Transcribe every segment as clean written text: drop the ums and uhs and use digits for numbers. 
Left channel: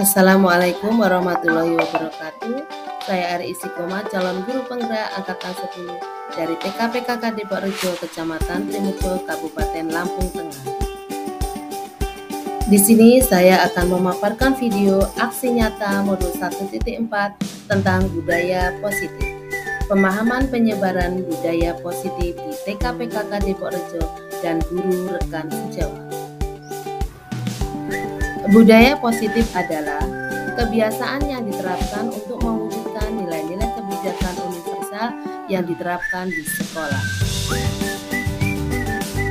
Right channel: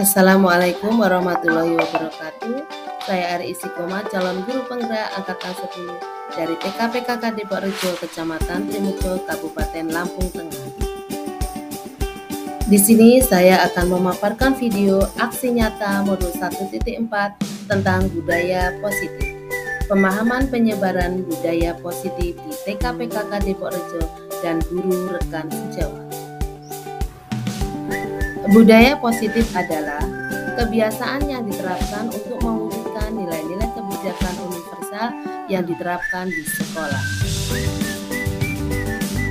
Assalamualaikum warahmatullahi wabarakatuh. Saya Ari Istiqomah, calon guru penggerak angkatan 10 dari TKPKK Depok Rejo, Kecamatan Trimurjo, Kabupaten Lampung Tengah. Di sini saya akan memaparkan video aksi nyata modul 1.4 tentang budaya positif. Pemahaman penyebaran budaya positif di TKPKK Depok Rejo dan guru rekan sejawat. Budaya positif adalah kebiasaan yang diterapkan untuk mewujudkan nilai-nilai kebijakan universal yang diterapkan di sekolah.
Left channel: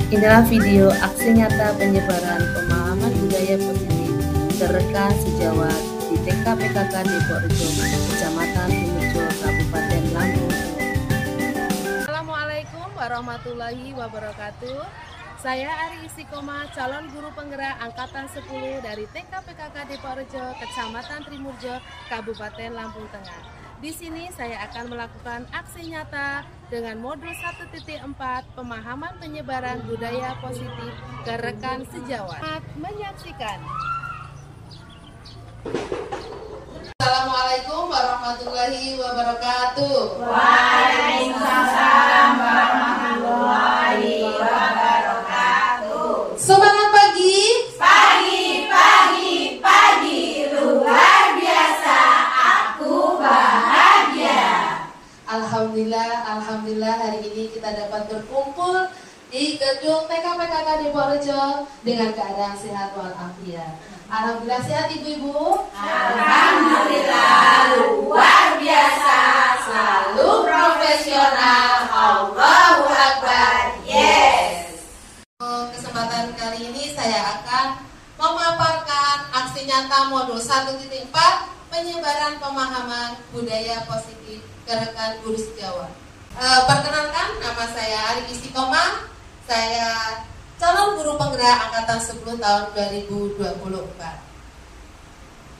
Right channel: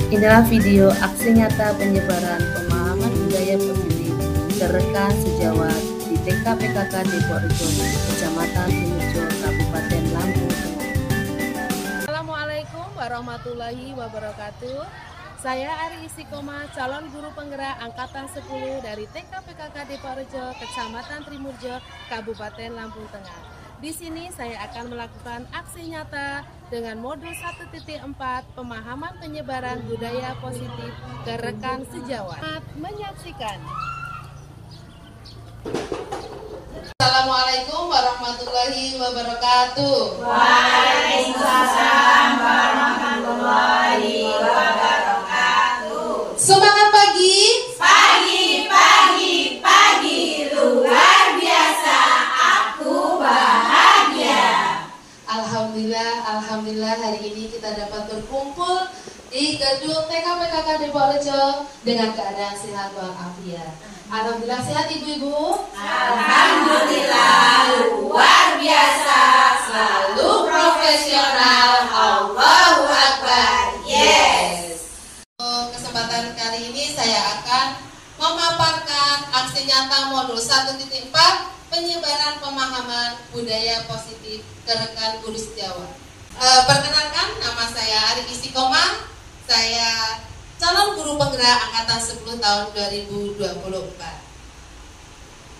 Inilah video aksi nyata penyebaran pemahaman budaya positif ke rekan sejawat di TKPKK Depok Rejo, Kecamatan Trimurjo, Kabupaten Lampung Tengah. Assalamualaikum warahmatullahi wabarakatuh. Saya Ari Istiqomah, calon guru penggerak angkatan 10 dari TKPKK Depok Rejo, Kecamatan Trimurjo, Kabupaten Lampung Tengah. Di sini saya akan melakukan aksi nyata dengan modul 1.4 pemahaman penyebaran budaya positif ke rekan sejawat. Selamat menyaksikan. Assalamualaikum warahmatullahi wabarakatuh. Waalaikumsalam warahmatullahi wabarakatuh. Semangat pagi. Pagi, luar biasa, aku bahagia. Alhamdulillah hari ini kita dapat berkumpul di gedung TKPKK Depok Rejo dengan keadaan sehat walafiat. Alhamdulillah sehat ibu-ibu. Alhamdulillah luar biasa, selalu profesional. Allahu Akbar. Yes. Kesempatan kali ini saya akan memaparkan aksi nyata modul 1.4 penyebaran pemahaman budaya positif ke rekan guru sejawat. Perkenalkan, nama saya Ari Istiqomah. Saya calon guru penggerak angkatan 10 tahun 2024.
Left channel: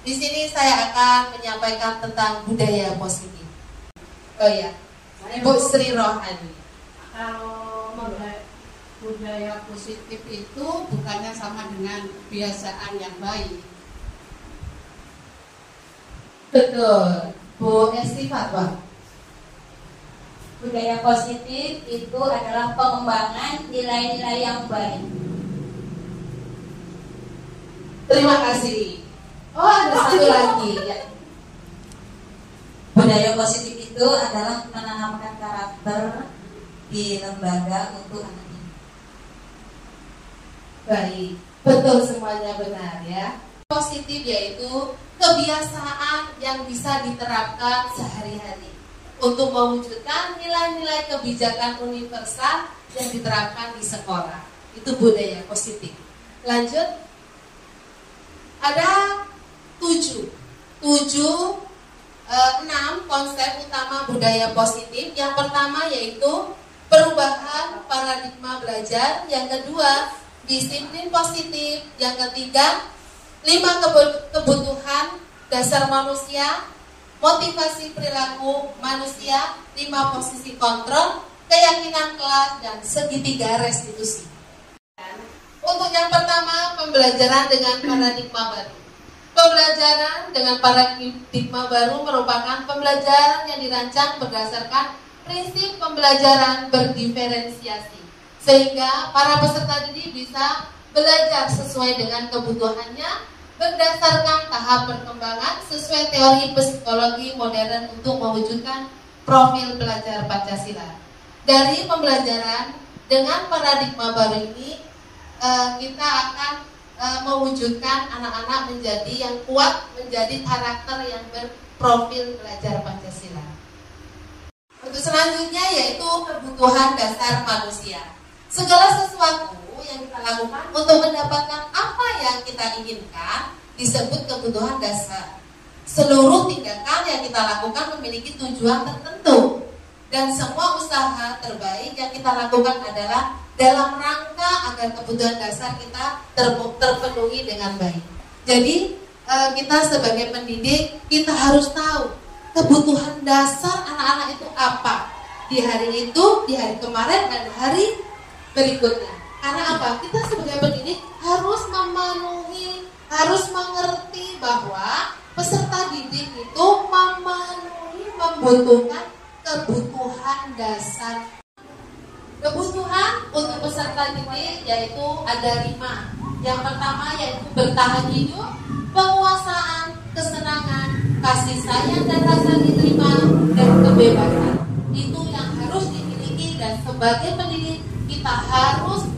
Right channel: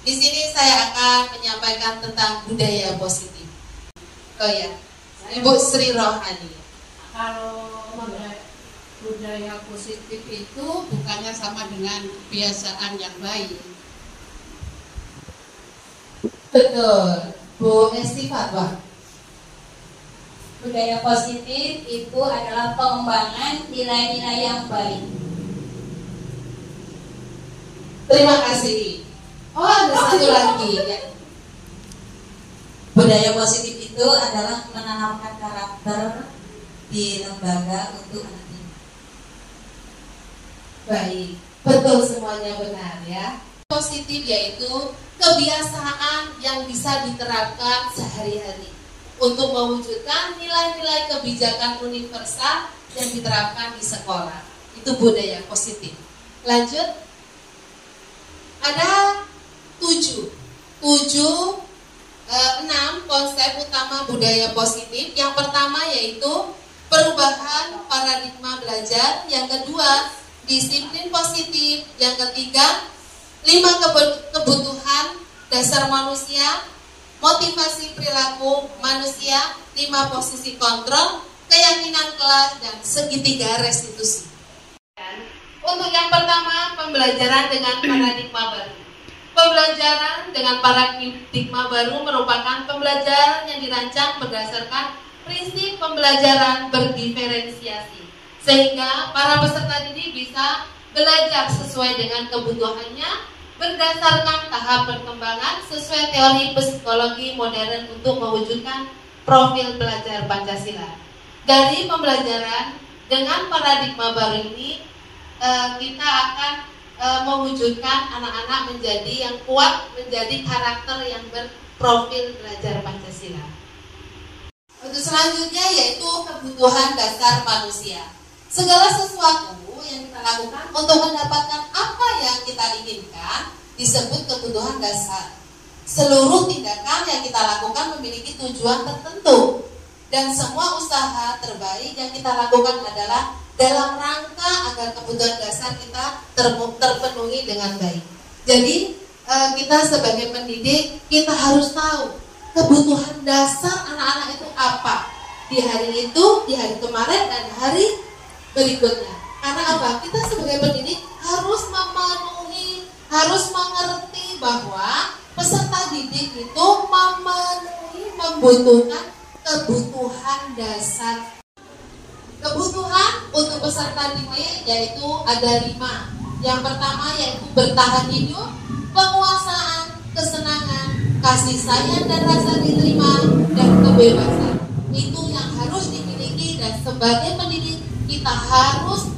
Di sini saya akan menyampaikan tentang budaya positif. Oh ya, Ibu Sri Rohani. Kalau budaya positif itu bukannya sama dengan kebiasaan yang baik. Betul, Bu Esti Fatwa. Budaya positif itu adalah pengembangan nilai-nilai yang baik. Terima kasih. Oh, ada satu lagi. Budaya positif itu adalah menanamkan karakter di lembaga untuk anak didik. Baik, betul semuanya benar ya. Positif yaitu kebiasaan yang bisa diterapkan sehari-hari untuk mewujudkan nilai-nilai kebijakan universal yang diterapkan di sekolah. Itu budaya positif. Lanjut. Ada 6 konsep utama budaya positif. Yang pertama yaitu perubahan paradigma belajar. Yang kedua, disiplin positif. Yang ketiga, 5 kebutuhan dasar manusia, motivasi perilaku manusia, 5 posisi kontrol, keyakinan kelas, dan segitiga restitusi. Untuk yang pertama, pembelajaran dengan paradigma baru. Pembelajaran dengan paradigma baru merupakan pembelajaran yang dirancang berdasarkan prinsip pembelajaran berdiferensiasi, sehingga para peserta didik bisa belajar sesuai dengan kebutuhannya berdasarkan tahap perkembangan sesuai teori psikologi modern untuk mewujudkan profil pelajar Pancasila. Dari pembelajaran dengan paradigma baru ini, kita akan mewujudkan anak-anak menjadi yang kuat, menjadi karakter yang berprofil pelajar Pancasila. Untuk selanjutnya yaitu kebutuhan dasar manusia. Segala sesuatu yang kita lakukan untuk mendapatkan apa yang kita inginkan disebut kebutuhan dasar. Seluruh tindakan yang kita lakukan memiliki tujuan tertentu, dan semua usaha terbaik yang kita lakukan adalah dalam rangka agar kebutuhan dasar kita terpenuhi dengan baik. Jadi kita sebagai pendidik, kita harus tahu kebutuhan dasar anak-anak itu apa di hari itu, di hari kemarin, dan hari berikutnya. Karena apa? Kita sebagai pendidik harus memenuhi, harus mengerti bahwa miskin itu membutuhkan kebutuhan dasar. Kebutuhan untuk peserta didik yaitu ada 5. Yang pertama yaitu bertahan hidup, penguasaan, kesenangan, kasih sayang dan rasa diterima, dan kebebasan. Itu yang harus dimiliki, dan sebagai pendidik kita harus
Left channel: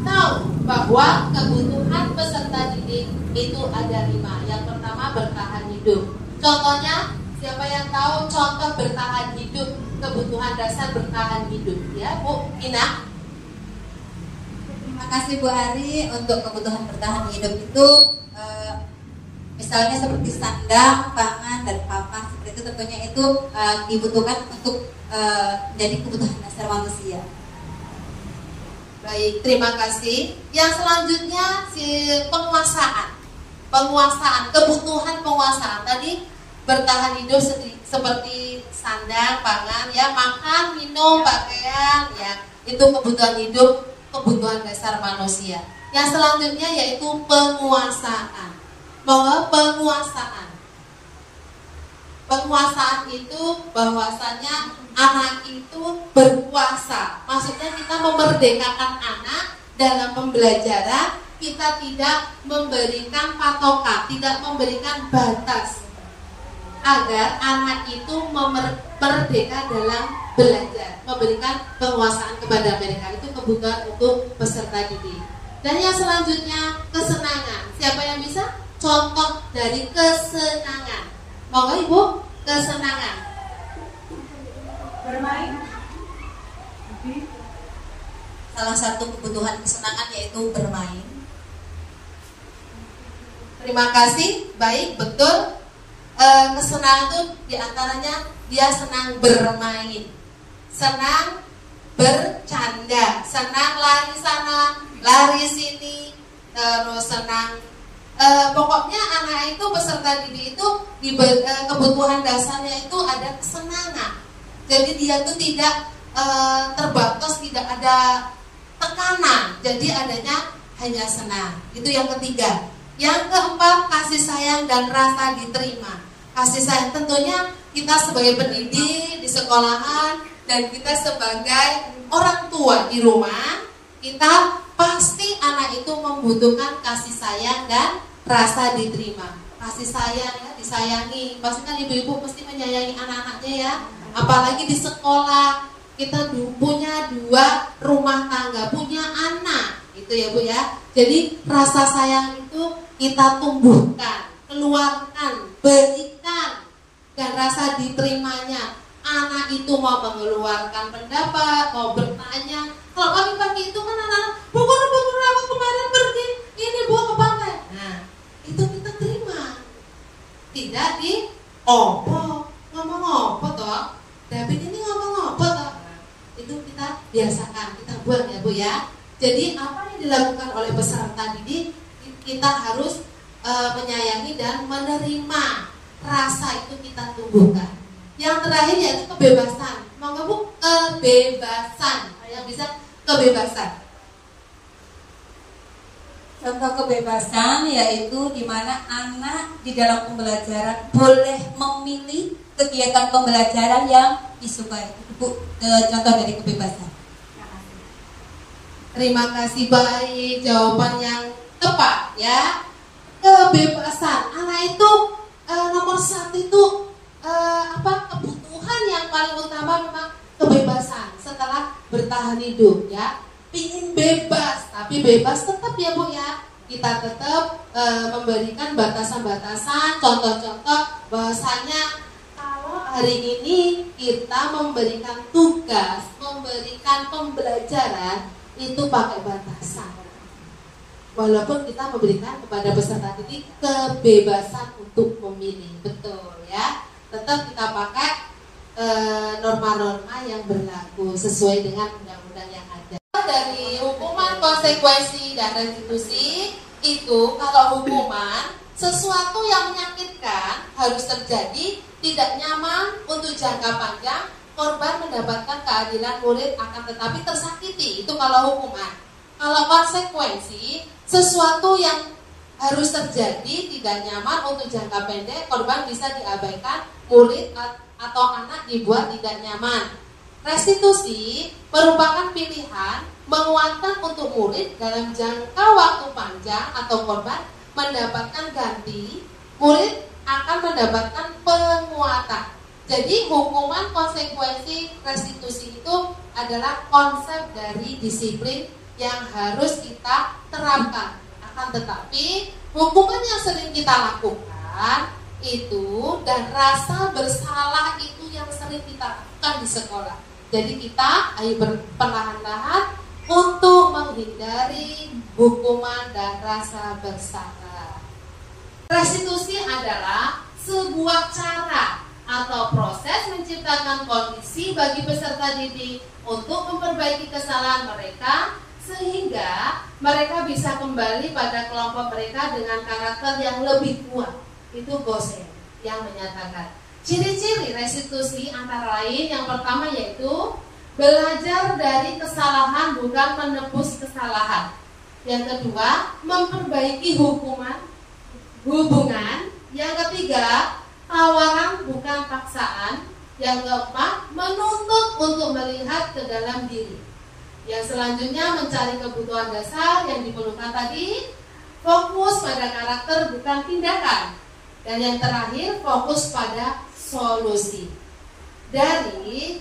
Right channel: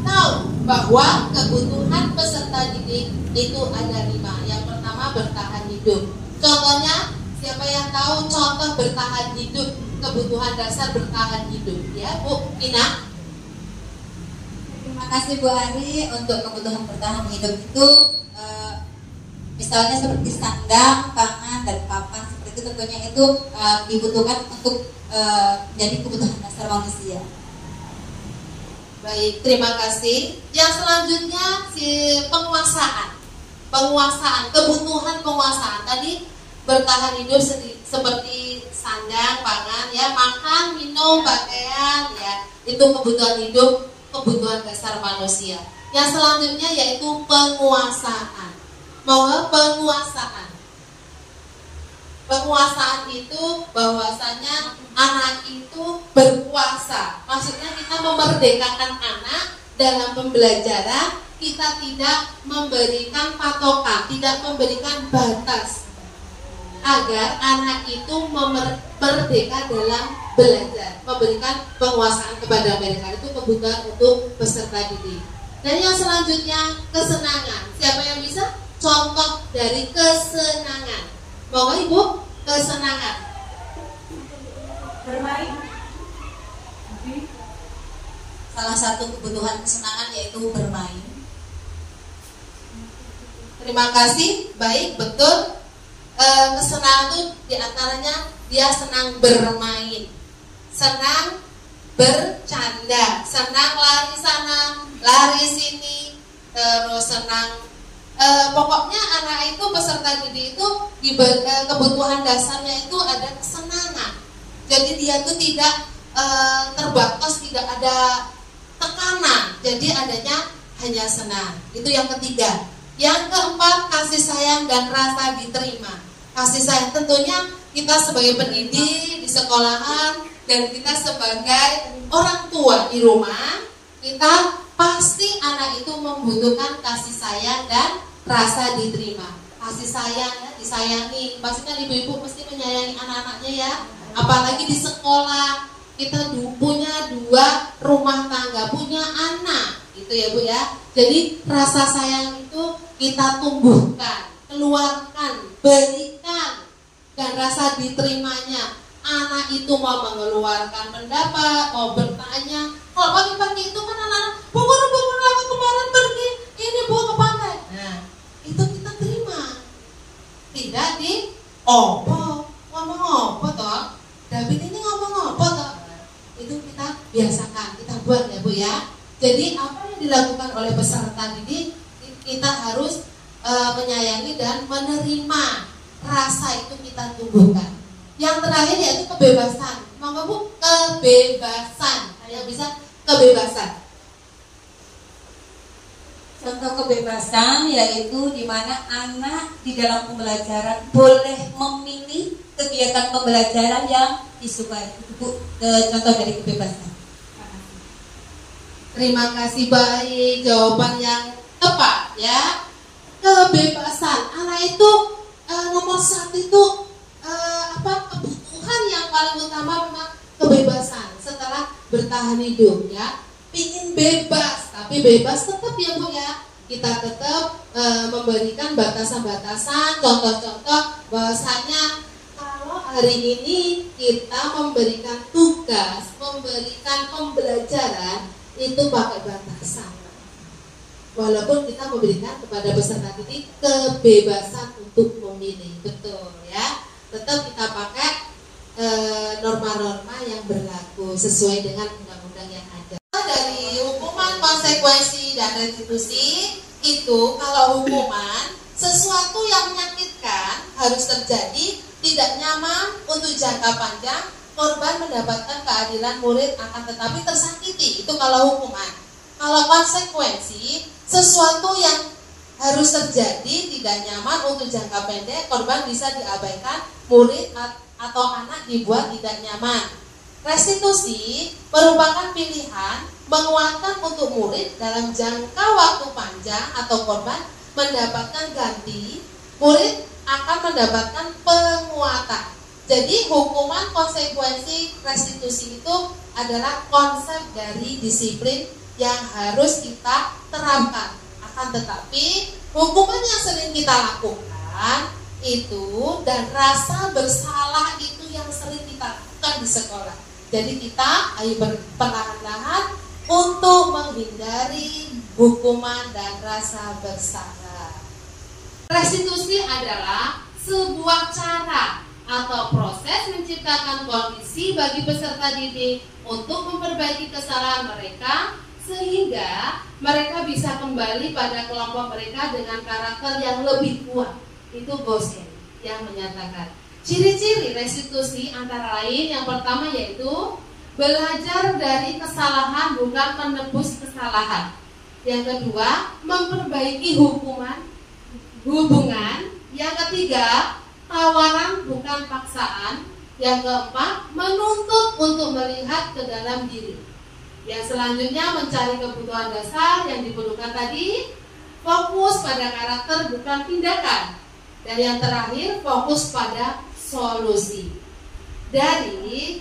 tahu bahwa kebutuhan peserta didik itu ada 5. Yang pertama bertahan hidup. Contohnya, siapa yang tahu contoh bertahan hidup, kebutuhan dasar bertahan hidup? Ya, Bu Ina. Terima kasih Bu Ari. Untuk kebutuhan bertahan hidup itu misalnya seperti sandang, pangan, dan papan, seperti itu tentunya itu dibutuhkan untuk jadi kebutuhan dasar manusia. Baik, terima kasih. Yang selanjutnya penguasaan, kebutuhan penguasaan. Tadi bertahan hidup seperti sandang, pangan, ya, makan, minum, pakaian, ya, itu kebutuhan hidup, kebutuhan dasar manusia. Yang selanjutnya yaitu penguasaan. Penguasaan itu bahwasanya anak itu berkuasa. Maksudnya kita memerdekakan anak dalam pembelajaran. Kita tidak memberikan patokan, tidak memberikan batas, agar anak itu merdeka dalam belajar, memberikan penguasaan kepada mereka. Itu kebutuhan untuk peserta didik. Dan yang selanjutnya kesenangan. Siapa yang bisa contoh dari kesenangan? Monggo Ibu, kesenangan. Bermain. Salah satu kebutuhan kesenangan yaitu bermain. Terima kasih. Baik, betul. Kesenangan itu diantaranya dia senang bermain, senang bercanda, senang lari sana, lari sini, terus senang. Pokoknya anak itu, peserta didik itu kebutuhan dasarnya itu ada kesenangan. Jadi dia itu tidak terbatas, tidak ada tekanan. Jadi adanya hanya senang. Itu yang ketiga. Yang keempat, kasih sayang dan rasa diterima. Kasih sayang tentunya kita sebagai pendidik di sekolahan dan kita sebagai orang tua di rumah, kita pasti anak itu membutuhkan kasih sayang dan rasa diterima. Kasih sayang, ya, disayangi. Pastikan ibu-ibu mesti menyayangi anak-anaknya, ya. Apalagi di sekolah, kita punya 2 rumah tangga, punya anak, itu ya Bu ya. Jadi rasa sayang itu kita tumbuhkan, keluarkan, berikan, dan rasa diterimanya. Anak itu mau mengeluarkan pendapat, mau bertanya. Kalau pagi-pagi itu kan anak-anak, Bu aku kemarin pergi, ini Bu ke pantai. Nah, itu kita terima. Tidak di ngomong opo toh. David ini ngomong opo toh. Itu kita biasakan, kita buat ya Bu ya. Jadi apa yang dilakukan oleh peserta didik, kita harus menyayangi dan menerima. Rasa itu kita tumbuhkan. Yang terakhir yaitu kebebasan. Monggo Bu, kebebasan. Yang bisa kebebasan. Contoh kebebasan yaitu di mana anak di dalam pembelajaran boleh memilih kegiatan pembelajaran yang disukai. Itu Bu, contoh dari kebebasan. Terima kasih, baik, jawaban yang tepat ya. Kebebasan. Anak itu nomor 1 itu kebutuhan yang paling utama memang kebebasan setelah bertahan hidup ya. Pingin bebas, tapi bebas tetap ya Bu ya. Kita tetap memberikan batasan-batasan, contoh-contoh bahwasanya kalau hari ini kita memberikan tugas, memberikan pembelajaran itu pakai batasan. Walaupun kita memberikan kepada peserta didik kebebasan untuk memilih, betul ya. Tetap kita pakai norma-norma yang berlaku sesuai dengan undang-undang yang ada. Dari hukuman, konsekuensi, dan restitusi itu, kalau hukuman sesuatu yang menyakitkan harus terjadi, tidak nyaman untuk jangka panjang, korban mendapatkan keadilan, murid akan tetapi tersakiti. Itu kalau hukuman. Kalau konsekuensi, sesuatu yang harus terjadi, tidak nyaman untuk jangka pendek, korban bisa diabaikan, murid atau anak dibuat tidak nyaman. Restitusi merupakan pilihan menguatkan untuk murid dalam jangka waktu panjang atau korban mendapatkan ganti, murid akan mendapatkan penguatan. Jadi hukuman konsekuensi restitusi itu adalah konsep dari disiplin yang harus kita terapkan. Akan tetapi hukuman yang sering kita lakukan itu dan rasa bersalah itu yang sering kita lakukan di sekolah. Jadi kita ayo perlahan-lahan untuk menghindari hukuman dan rasa bersalah. Restitusi adalah sebuah cara atau proses menciptakan kondisi bagi peserta didik untuk memperbaiki kesalahan mereka sehingga mereka bisa kembali pada kelompok mereka dengan karakter yang lebih kuat. Itu Gosen yang menyatakan. Ciri-ciri restitusi antara lain yang pertama yaitu belajar dari kesalahan bukan menebus kesalahan. Yang kedua, memperbaiki hubungan. Yang ketiga, tawaran bukan paksaan. Yang keempat, menuntut untuk melihat ke dalam diri. Yang selanjutnya mencari kebutuhan dasar yang diperlukan tadi, fokus pada karakter bukan tindakan. Dan yang terakhir, fokus pada solusi. Dari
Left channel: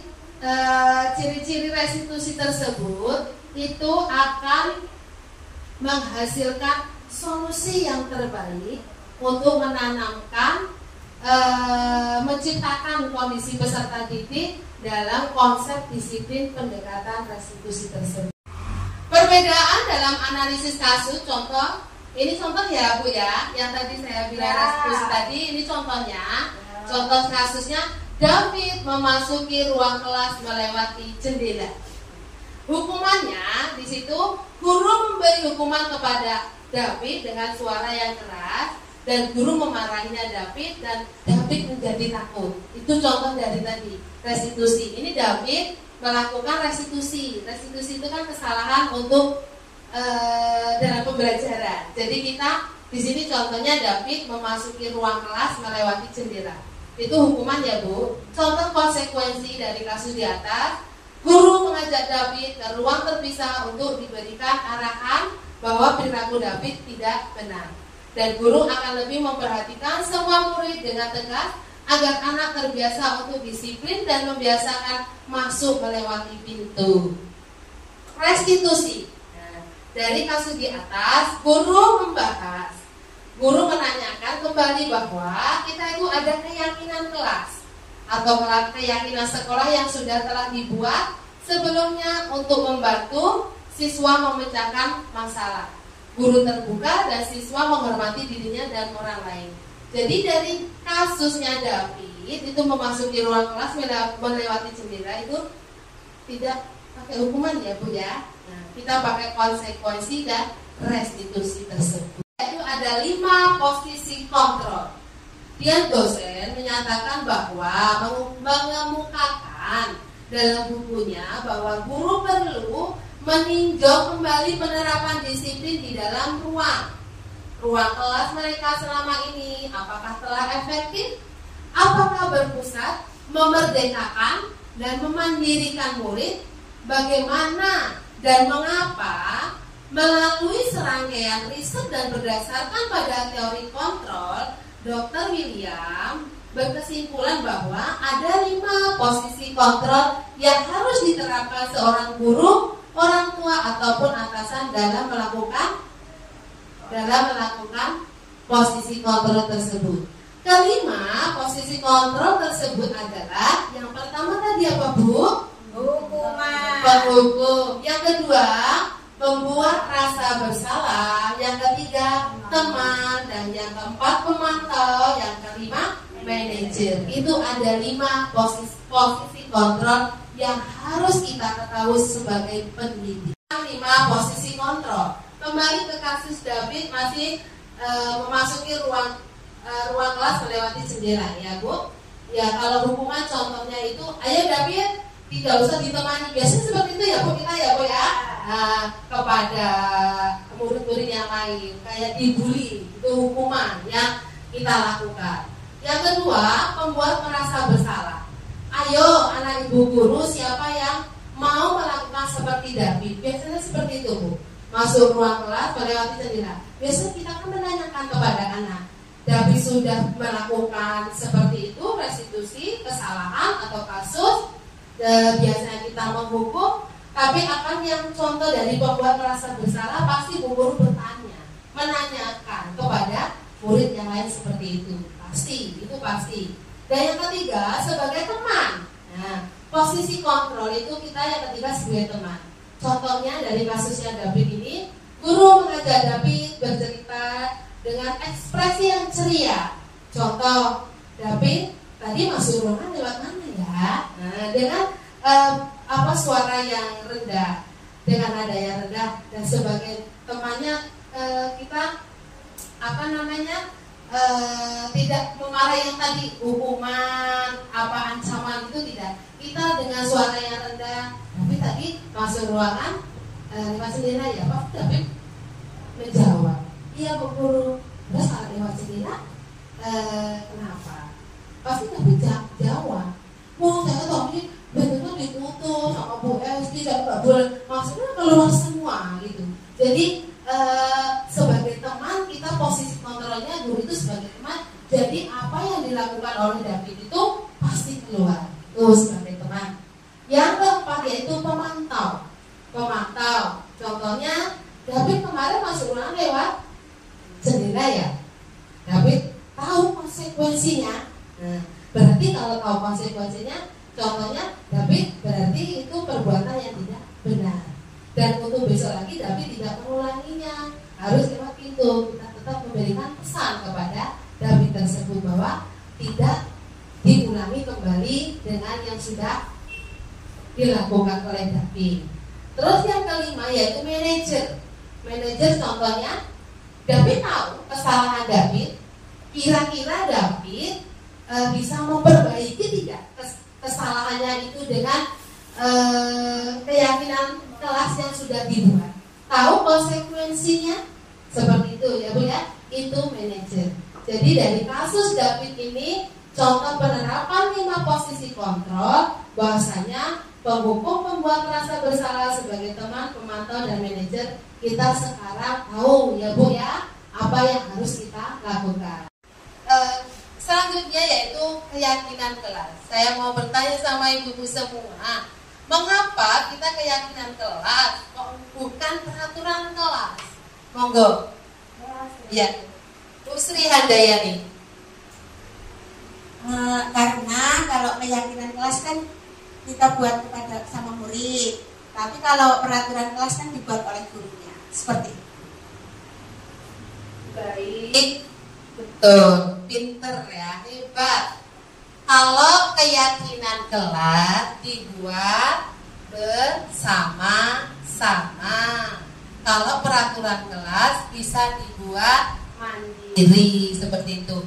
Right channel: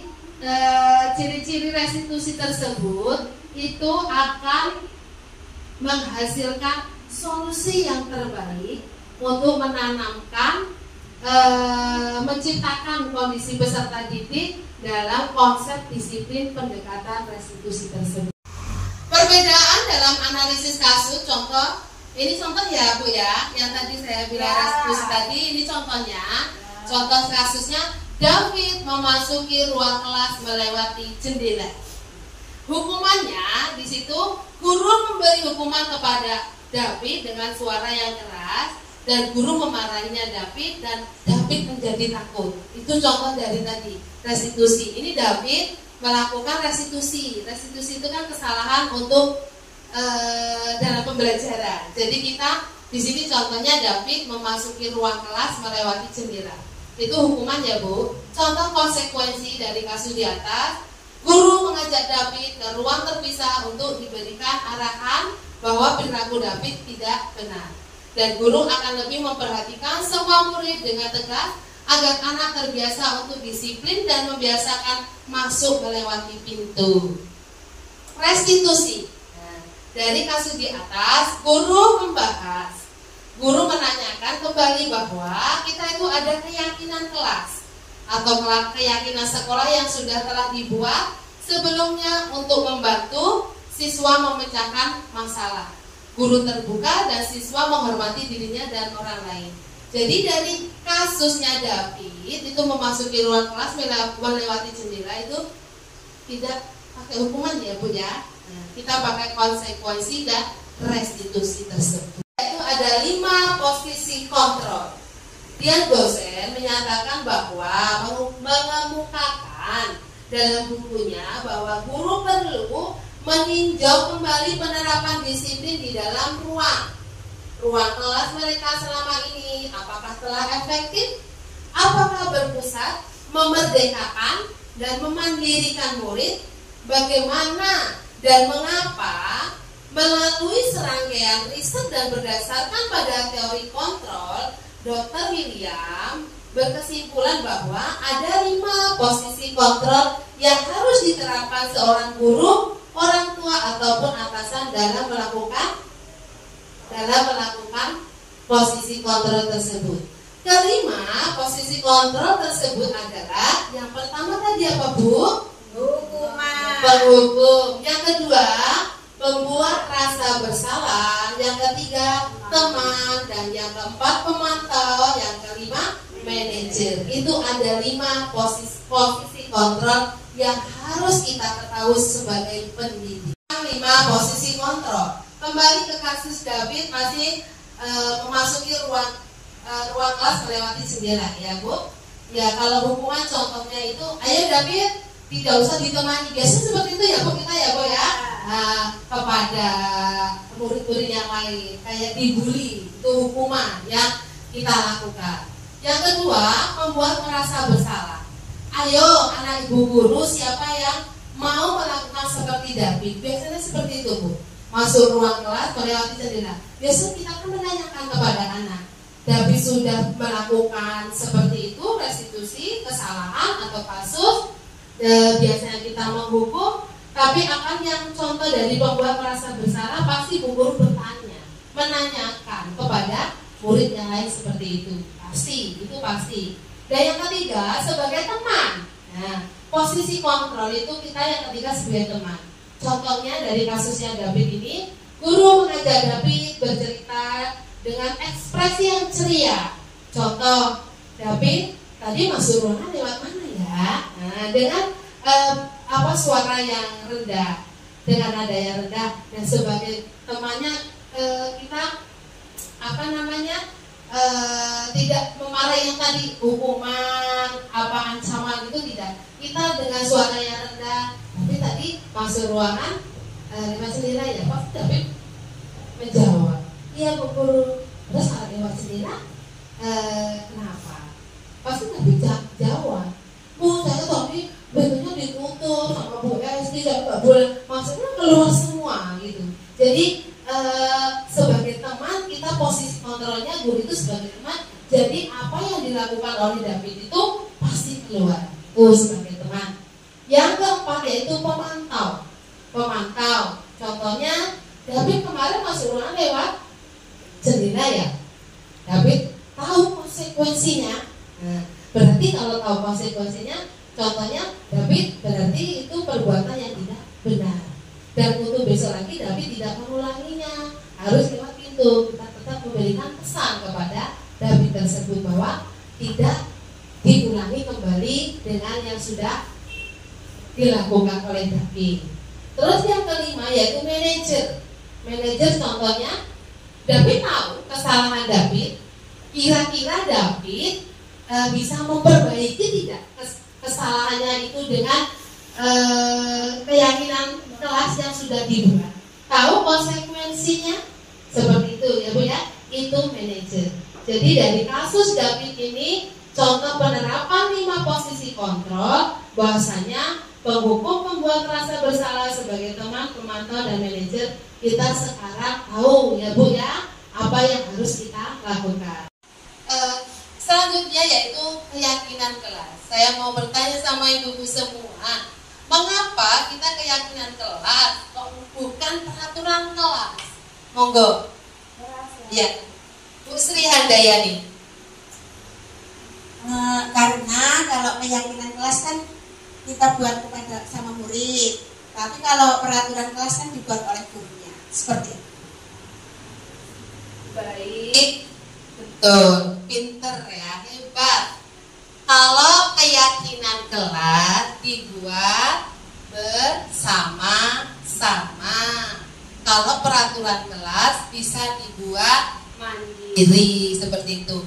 ciri-ciri restitusi tersebut itu akan menghasilkan solusi yang terbaik untuk menanamkan, menciptakan kondisi peserta didik dalam konsep disiplin pendekatan restitusi tersebut. Perbedaan dalam analisis kasus, contoh, ini contoh ya Bu ya, yang tadi saya bilang restitusi tadi, ini contohnya, contoh kasusnya David memasuki ruang kelas melewati jendela. Hukumannya di situ guru memberi hukuman kepada David dengan suara yang keras dan guru memarahinya David dan David menjadi takut. Itu contoh dari tadi restitusi. Ini David melakukan restitusi. Restitusi itu kan kesalahan untuk dalam pembelajaran. Jadi kita di sini contohnya David memasuki ruang kelas melewati jendela. Itu hukuman ya Bu. Contoh konsekuensi dari kasus di atas. Guru mengajak David ke ruang terpisah untuk diberikan arahan bahwa perilaku David tidak benar. Dan guru akan lebih memperhatikan semua murid dengan tegas agar anak terbiasa untuk disiplin dan membiasakan masuk melewati pintu. Restitusi. Nah, dari kasus di atas, guru membahas. Guru menanyakan kembali bahwa kita itu ada keyakinan kelas atau keyakinan sekolah yang sudah telah dibuat sebelumnya untuk membantu siswa memecahkan masalah. Guru terbuka dan siswa menghormati dirinya dan orang lain. Jadi dari kasusnya David itu memasuki ruang kelas melewati jendela itu tidak pakai hukuman ya Bu ya. Nah, kita pakai konsekuensi dan restitusi tersebut. Itu ada 5 posisi kontrol. Dian Gosen menyatakan bahwa mengemukakan dalam bukunya bahwa guru perlu meninjau kembali penerapan disiplin di dalam ruang kelas mereka selama ini. Apakah telah efektif? Apakah berpusat, memerdekakan dan memandirikan murid? Bagaimana dan mengapa? Melalui serangkaian riset dan berdasarkan pada teori kontrol, Dr. William berkesimpulan bahwa ada 5 posisi kontrol yang harus diterapkan seorang guru, orang tua ataupun atasan dalam melakukan posisi kontrol tersebut. Kelima, posisi kontrol tersebut adalah yang pertama tadi apa Bu? Hukuman. Penghukum. Yang kedua, membuat rasa bersalah. Yang ketiga, teman. Dan yang keempat, pemantau. Yang kelima, manajer. Itu ada 5 posisi kontrol yang harus kita ketahui sebagai pendidik. 5 posisi kontrol. Kembali ke kasus David masih memasuki ruang kelas melewati jendela ya Bu. Ya kalau hukuman contohnya itu, ayo David tidak usah ditemani. Biasanya seperti itu ya Bu kita ya Bu ya. kepada murid-murid yang lain, kayak dibully, itu hukuman yang kita lakukan. Yang kedua, membuat merasa bersalah. Ayo anak ibu guru, siapa yang mau melakukan seperti David? Biasanya seperti itu, Bu. Masuk ruang kelas, melewati jendela. Biasanya kita akan menanyakan kepada anak, David sudah melakukan seperti itu, restitusi, kesalahan atau kasus. Biasanya kita menghukum, tapi akan yang contoh dari pembuat merasa bersalah, pasti bu guru bertanya, menanyakan kepada murid yang lain seperti itu. Pasti, itu pasti. Dan yang ketiga, sebagai teman. Nah, posisi kontrol itu kita yang ketiga sebagai teman. Contohnya dari kasusnya David ini, guru mengajak David bercerita dengan ekspresi yang ceria. Contoh, David tadi masuk ruangan lewat mana ya? Nah, dengan suara yang rendah, dengan nada yang rendah, dan sebagai temannya kita tidak memarahi yang tadi hukuman ancaman itu, tidak. Kita dengan suara yang rendah. Tapi tadi masuk ruangan lewat jendela ya, Pak David menjawab, iya Bu Guru. Terus kalau lewat jendela kenapa? Pasti David jawab, Bu saya tadi bentuknya ditutup sama Bu SD, saya nggak boleh, maksudnya keluar semua gitu. Jadi sebagai teman kita posisi kontrolnya guru itu sebagai teman. Jadi apa yang dilakukan oleh David itu pasti keluar. Sebagai teman. Yang keempat yaitu pemantau. Pemantau. Contohnya David kemarin masuk ruangan lewat jendela ya. David tahu konsekuensinya. Nah, berarti kalau tahu konsekuensinya, contohnya David berarti itu perbuatan yang tidak benar. Dan untuk besok lagi David tidak mengulanginya. Harus lewat pintu. Kita tetap memberikan pesan kepada David tersebut bahwa tidak diulangi kembali dengan yang sudah dilakukan oleh David. Terus yang kelima yaitu manajer. Manajer contohnya David tahu kesalahan David. Kira-kira David bisa memperbaiki tidak kesalahannya itu dengan keyakinan kelas yang sudah dibuat. Tahu konsekuensinya seperti itu ya Bu ya. Itu manajer. Jadi dari kasus David ini contoh penerapan 5 posisi kontrol, bahwasanya penghukum, pembuat merasa bersalah sebagai teman, pemantau dan manajer, kita sekarang tahu ya Bu ya apa yang harus kita lakukan. Selanjutnya yaitu keyakinan kelas. Saya mau bertanya sama ibu-ibu semua, mengapa kita keyakinan kelas kok bukan peraturan kelas? Monggo. Ya, Bu Sri Handayani. Karena kalau keyakinan kelas kan kita buat kepada sama murid, tapi kalau peraturan kelas kan dibuat oleh gurunya. Seperti itu. Baik, betul, pinter ya, hebat. Kalau keyakinan kelas dibuat bersama-sama. Kalau peraturan kelas bisa dibuat mandiri seperti itu.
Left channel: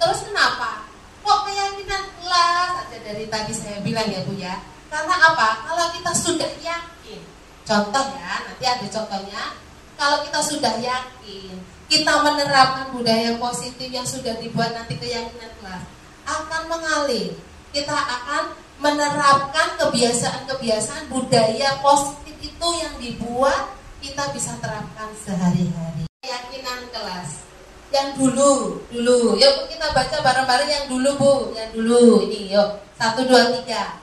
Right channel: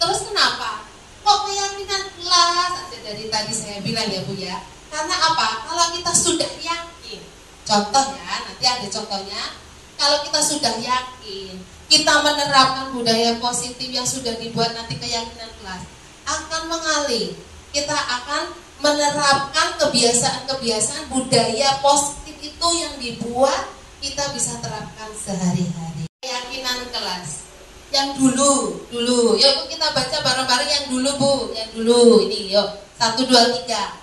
Terus kenapa? Kok keyakinan kelas? Ada dari tadi saya bilang ya Bu ya. Karena apa? Kalau kita sudah yakin. Contoh ya, nanti ada contohnya. Kalau kita sudah yakin, kita menerapkan budaya positif yang sudah dibuat nanti keyakinan kelas akan mengalir. Kita akan menerapkan kebiasaan-kebiasaan budaya positif itu yang dibuat kita bisa terapkan sehari-hari. Keyakinan kelas yang dulu, yuk kita baca bareng-bareng yang dulu Bu, yang dulu ini yuk 1, 2, 3.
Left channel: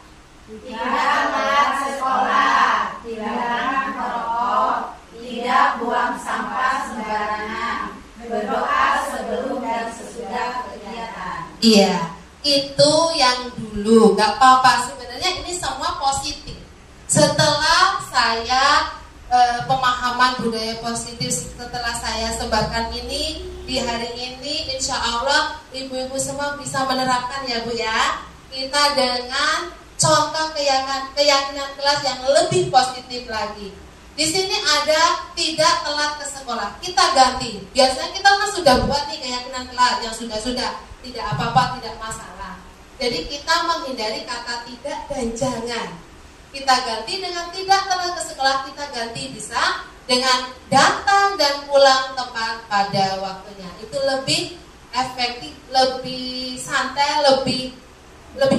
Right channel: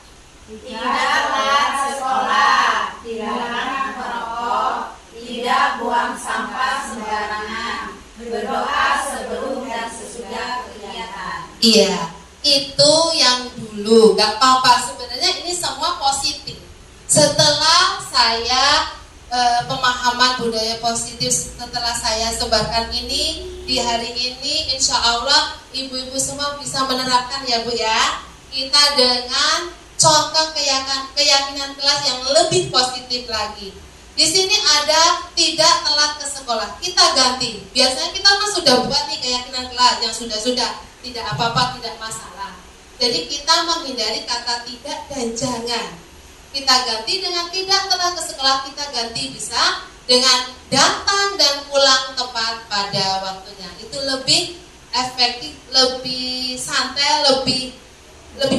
Tidaklah sekolah, tidak merokok, tidak buang sampah sembarangan, berdoa sebelum dan sesudah kegiatan. Iya, itu yang dulu, gak apa-apa. Sebenarnya ini semua positif. Setelah saya pemahaman budaya positif, setelah saya sebarkan ini di hari ini, insya Allah ibu-ibu semua bisa menerapkan ya Bu ya. Kita dengan contoh keyakinan kelas yang lebih positif lagi. Di sini ada tidak telat ke sekolah. Kita ganti. Biasanya kita kan sudah buat nih keyakinan kelas yang sudah tidak apa-apa, tidak masalah. Jadi kita menghindari kata tidak dan jangan. kita ganti dengan tidak telah ke sekolah, kita ganti bisa dengan datang dan pulang tepat pada waktunya. Itu lebih efektif, lebih santai, lebih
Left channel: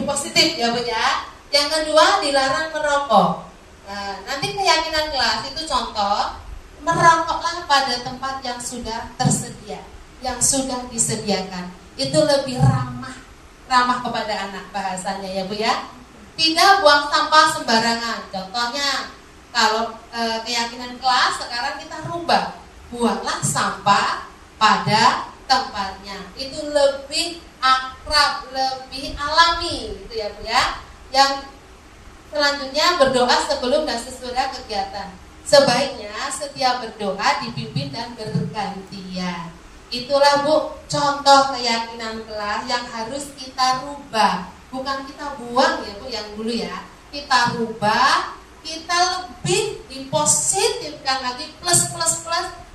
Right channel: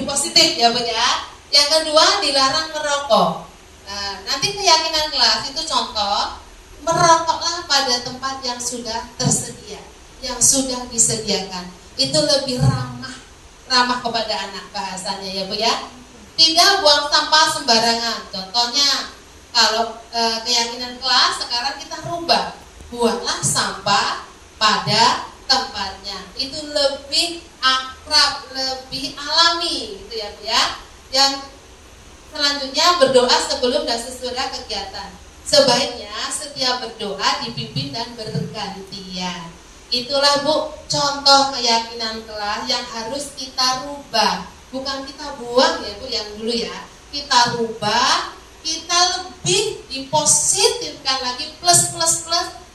positif ya Bu ya. Yang kedua, dilarang merokok. Nah, nanti keyakinan kelas itu contoh, merokoklah pada tempat yang sudah tersedia, yang sudah disediakan. Itu lebih ramah kepada anak bahasanya ya Bu ya. Tidak buang sampah sembarangan. Contohnya, kalau keyakinan kelas sekarang kita rubah, buanglah sampah pada tempatnya. Itu lebih akrab, lebih alami gitu ya Bu ya. Yang selanjutnya, berdoa sebelum dan sesudah kegiatan. Sebaiknya setiap berdoa dipimpin dan bergantian. Itulah Bu contoh keyakinan kelas yang harus kita rubah. Bukan kita buang ya Bu yang dulu ya. Kita rubah, kita lebih dipositifkan lagi plus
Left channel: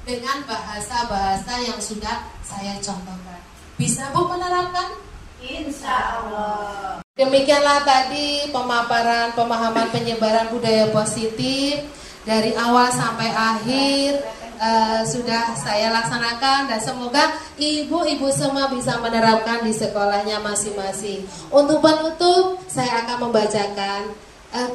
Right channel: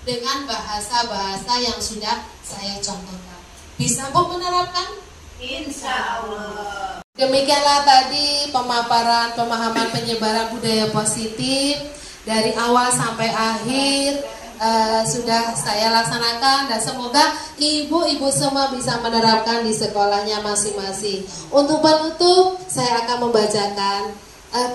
dengan bahasa-bahasa yang sudah saya contohkan. Bisa Bu menerapkan? Insya Allah. Demikianlah tadi pemaparan pemahaman penyebaran budaya positif dari awal sampai akhir sudah saya laksanakan, dan semoga ibu-ibu semua bisa menerapkan di sekolahnya masing-masing. Untuk penutup, saya akan membacakan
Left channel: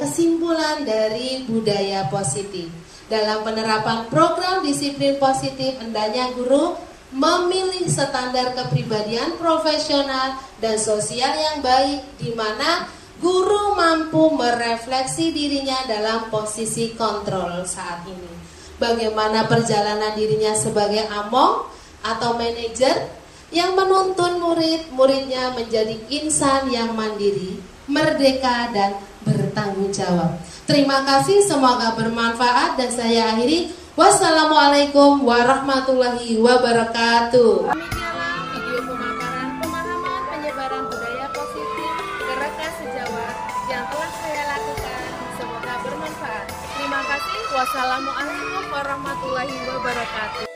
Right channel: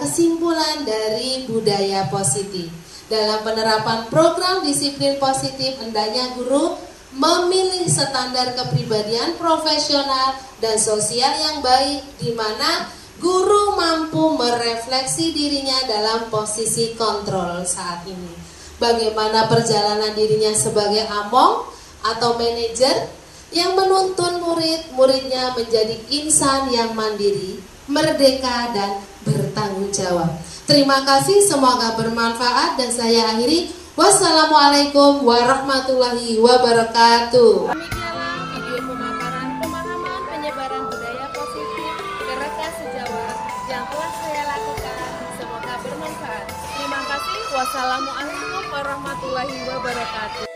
kesimpulan dari budaya positif. Dalam penerapan program disiplin positif, hendaknya guru memilih standar kepribadian profesional dan sosial yang baik, di mana guru mampu merefleksi dirinya dalam posisi kontrol saat ini. Bagaimana perjalanan dirinya sebagai among atau manajer yang menuntun murid-muridnya menjadi insan yang mandiri, merdeka, dan bertanggung jawab. Terima kasih, semoga bermanfaat, dan saya akhiri. Wassalamualaikum warahmatullahi wabarakatuh. Demikianlah video pemaparan pemahaman penyebaran budaya positif ke rekan sejawat yang telah saya lakukan. Semoga bermanfaat. Terima kasih. Wassalamualaikum warahmatullahi wabarakatuh.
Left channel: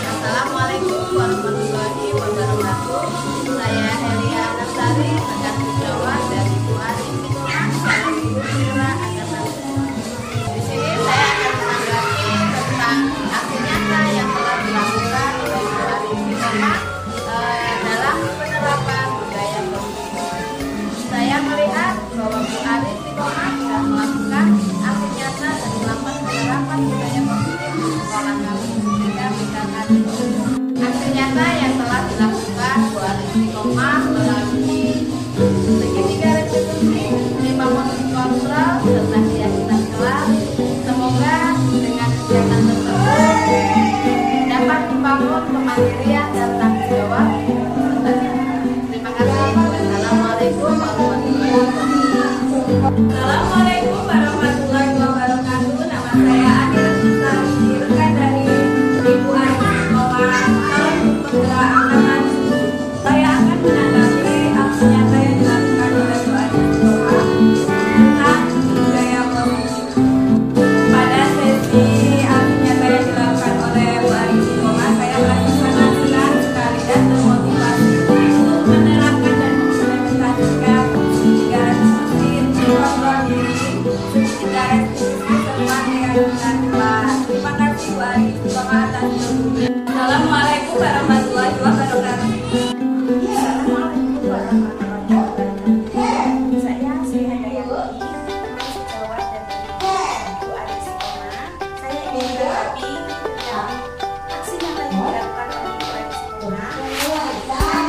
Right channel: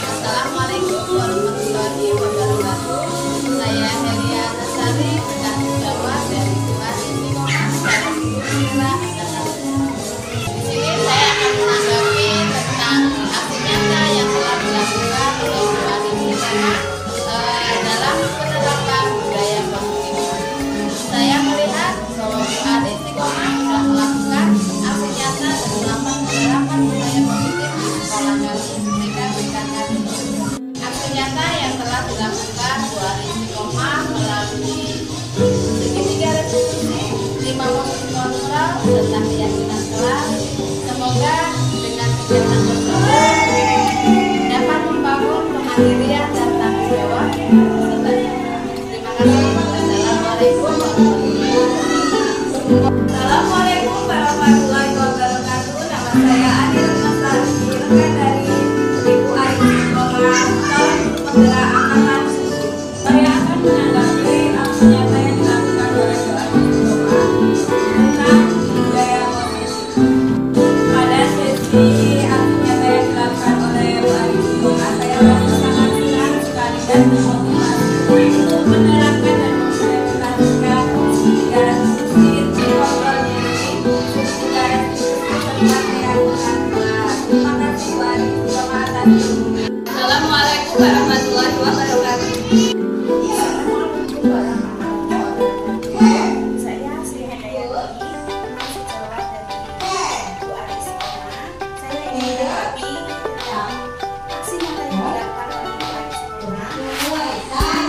Assalamualaikum warahmatullahi wabarakatuh. Saya Helia Nasari, rekan sejawat dari Bu Ari Istiqomah, calon guru penggerak angkatan. Di sini saya akan menanggapi tentang aksi nyata yang telah dilakukan oleh Bu Ari Istiqomah dalam penerapan budaya positif. Saya melihat bahwa Bu Ari Istiqomah sudah melakukan aksi nyata dan melakukan penerapan budaya positif di sekolah kami TK PKK. Aksi nyata yang telah dilakukan Bu Ari Istiqomah melalui segitiga restitusi, 5 posisi kontrol, serta keyakinan kelas. Semoga dengan kegiatan tersebut dapat membangun kemandirian dan tanggung jawab pesertanya. Terima kasih. Wassalamualaikum warahmatullahi wabarakatuh. Assalamualaikum warahmatullahi wabarakatuh. Nama saya Ani Retnasari, rekan dari Ibu Ari Istiqomah, calon penggerak angkatan 7. Saya akan menanggapi aksi nyata yang dilakukan oleh Bu Ari Istiqomah tentang budaya positif. Pada sesi aksi nyata yang dilakukan oleh Bu Ari Istiqomah, saya merasa sangat senang sekali dan termotivasi untuk menerapkan dan mengimplementasikan segitiga restitusi, kontrol diri, segitiga restitusi, serta keyakinan kelas. Terima kasih Bu Ari Istiqomah atas ilmunya. Assalamualaikum warahmatullahi wabarakatuh. Assalamualaikum warahmatullahi wabarakatuh. Saya Sri Handayani, sejawat dari Bu Ari Istiqomah. Saya ingin menanggapi aksi nyata yang dilakukan oleh Bu Ari Istiqomah tentang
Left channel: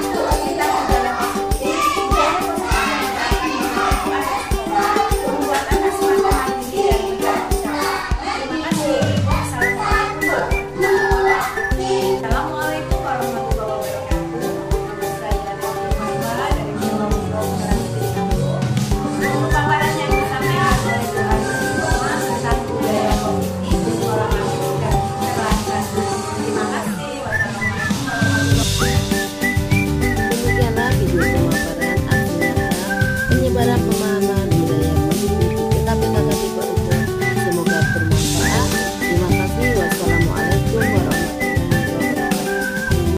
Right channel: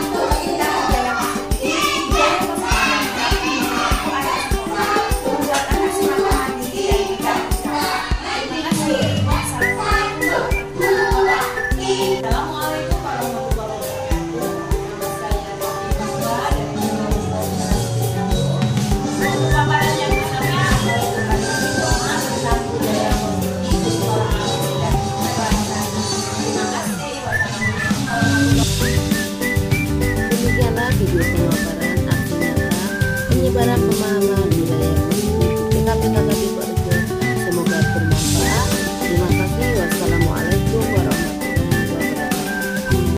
budaya positif. Budaya positif yang dilakukan oleh Bu Ari Istiqomah membuat anak semakin mandiri dan bertanggung jawab. Terima kasih. Wassalamualaikum warahmatullahi wabarakatuh. Assalamualaikum warahmatullahi wabarakatuh. Nama saya Rofi Fatwa dari Jawa Umum Kelas 1. Pemaparan yang disampaikan oleh Bu Ari Istiqomah tentang budaya positif di sekolah kami dan terlaksana. Terima kasih. Wassalamualaikum warahmatullahi wabarakatuh. Demikianlah video pemaparan aksi nyata penyebaran